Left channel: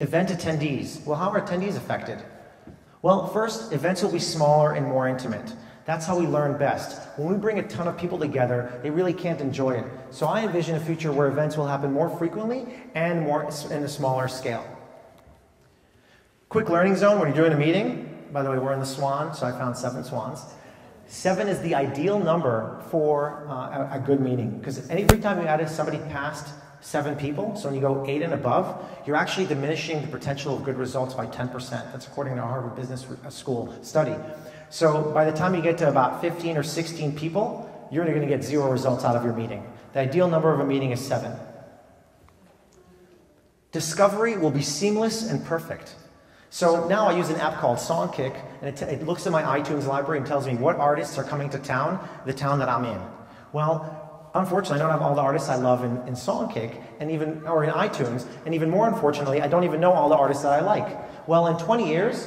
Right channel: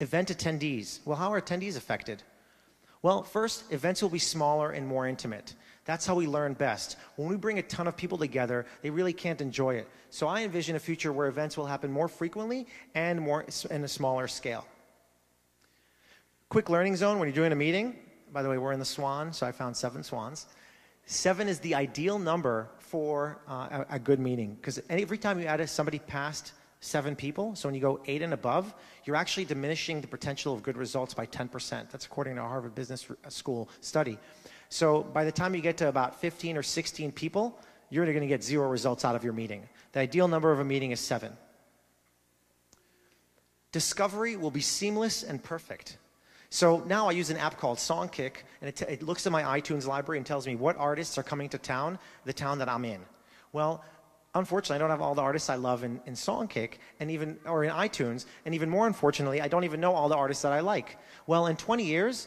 Event attendees. Well, how are attendees affected? Well, first, events will be smaller and more intimate. That's how we learn best. When we bring a ton of people together, they really can't enjoy it. So I envision a future where events will happen more frequently and more in a smaller scale. Quick learning zone when you're doing a meeting. By the way, we're in the Swan, so I found 7 swans. 7 is the ideal number for a good meeting, because every time you add somebody past 7 people, so when you go 8 and above, you're actually diminishing the potential of good results by 10%. That's according to a Harvard Business School study. So by the time you get to about 15 or 16 people, you're going to get 0 results out of your meeting. The ideal number of a meeting is 7. Discovery will be seamless and perfect. So now I use an app called Songkick, and it looks at my iTunes library and tells me what artists are coming to town, the town that I'm in. Well, unfortunately, I don't have all the artists I love in Songkick, or in iTunes, and even more unfortunately, I don't even know all the artists that I like. Well, in 20 years,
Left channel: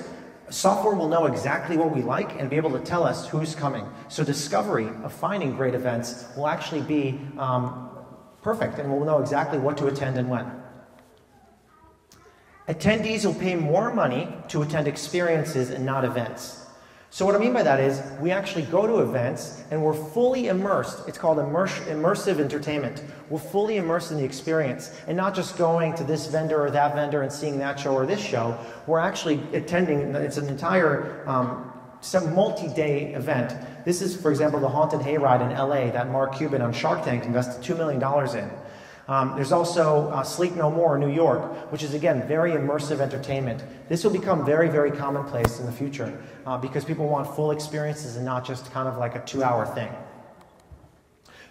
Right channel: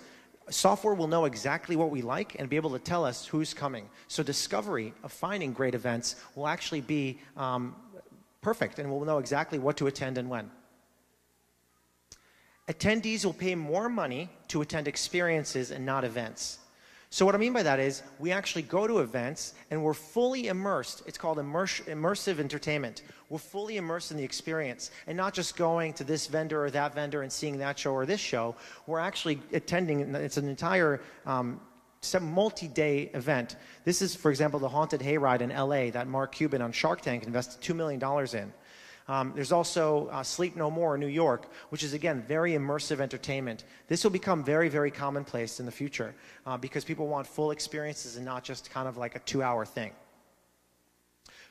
software will know exactly what we like and be able to tell us who's coming. So discovery of finding great events will actually be perfect, and we'll know exactly what to attend and when. Attendees will pay more money to attend experiences and not events. So what I mean by that is we actually go to events and we're fully immersed. It's called immersive entertainment. We're fully immersed in the experience and not just going to this vendor or that vendor and seeing that show or this show. We're actually attending, it's an entire multi-day event. This is, for example, the Haunted Hayride in LA that Mark Cuban on Shark Tank invested $2 million in. There's also Sleep No More in New York, which is, again, very immersive entertainment. This will become very, very commonplace in the future because people want full experiences and not just kind of like a 2-hour thing.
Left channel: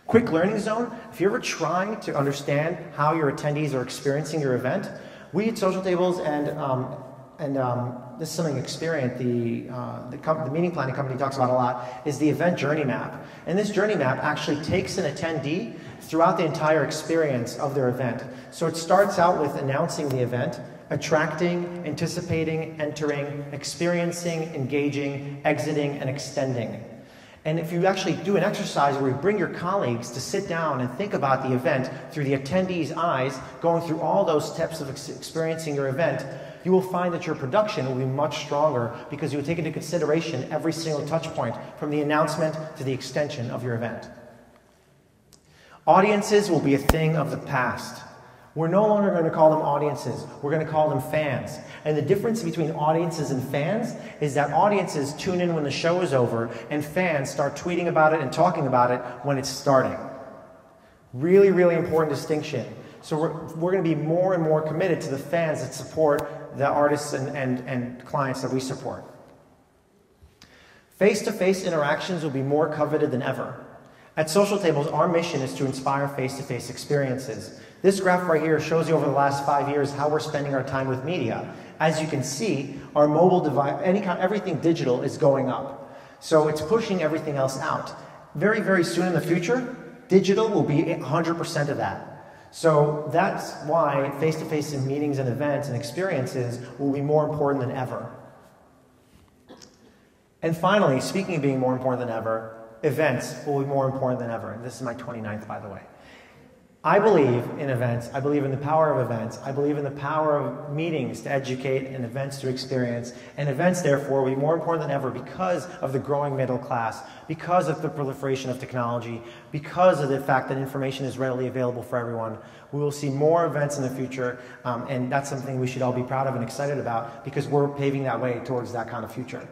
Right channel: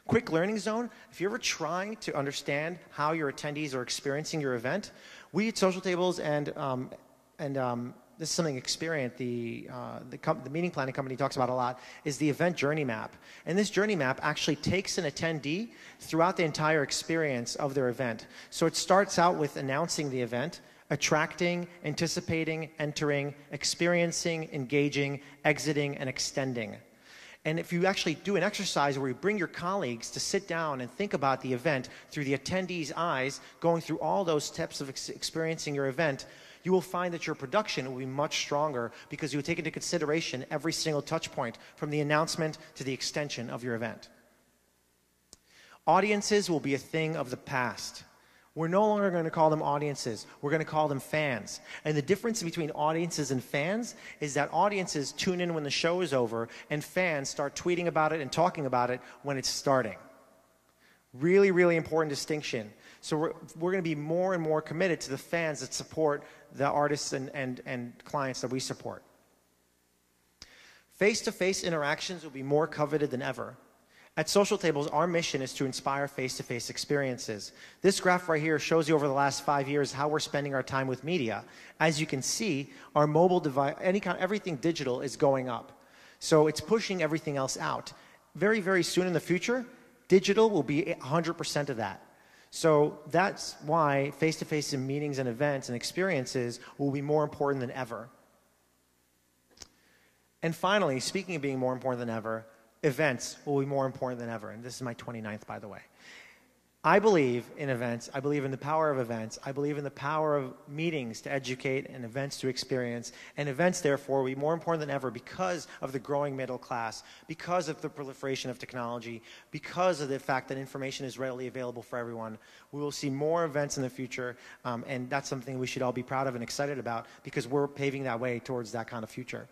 Quick learning zone. If you're ever trying to understand how your attendees are experiencing your event, we at Social Tables and this is something Experience, the meeting planning company talks about a lot, is the event journey map. And this journey map actually takes an attendee throughout the entire experience of their event. So it starts out with announcing the event, attracting, anticipating, entering, experiencing, engaging, exiting, and extending. And if you actually do an exercise where you bring your colleagues to sit down and think about the event through the attendee's eyes, going through all those steps of experiencing your event, you will find that your production will be much stronger because you will take into consideration every single touch point from the announcement to the extension of your event. Audiences will be a thing of the past. We're no longer going to call them audiences. We're going to call them fans. And the difference between audiences and fans is that audiences tune in when the show is over and fans start tweeting about it and talking about it when it's starting. Really, really important distinction. So we're going to be more and more committed to the fans that support the artists and clients that we support. Face-to-face interactions will be more coveted than ever. At Social Tables, our mission is to inspire face-to-face experiences. This graph right here shows you over the last 5 years how we're spending our time with media. As you can see, our mobile device, everything digital is going up. So it's pushing everything else out. Very, very soon in the future, digital will be 100% of that. So that's why face-to-face meetings and events and experiences will be more important than ever. And finally, speaking of being more important than ever, events will be more important than ever. And this is my 29th, by the way. I believe in events. I believe in the power of events. I believe in the power of meetings to educate and events to experience. And events, therefore, will be more important than ever because of the growing middle class, because of the proliferation of technology, because of the fact that information is readily available for everyone. We will see more events in the future, and that's something we should all be proud of and excited about because we're paving that way towards that kind of future.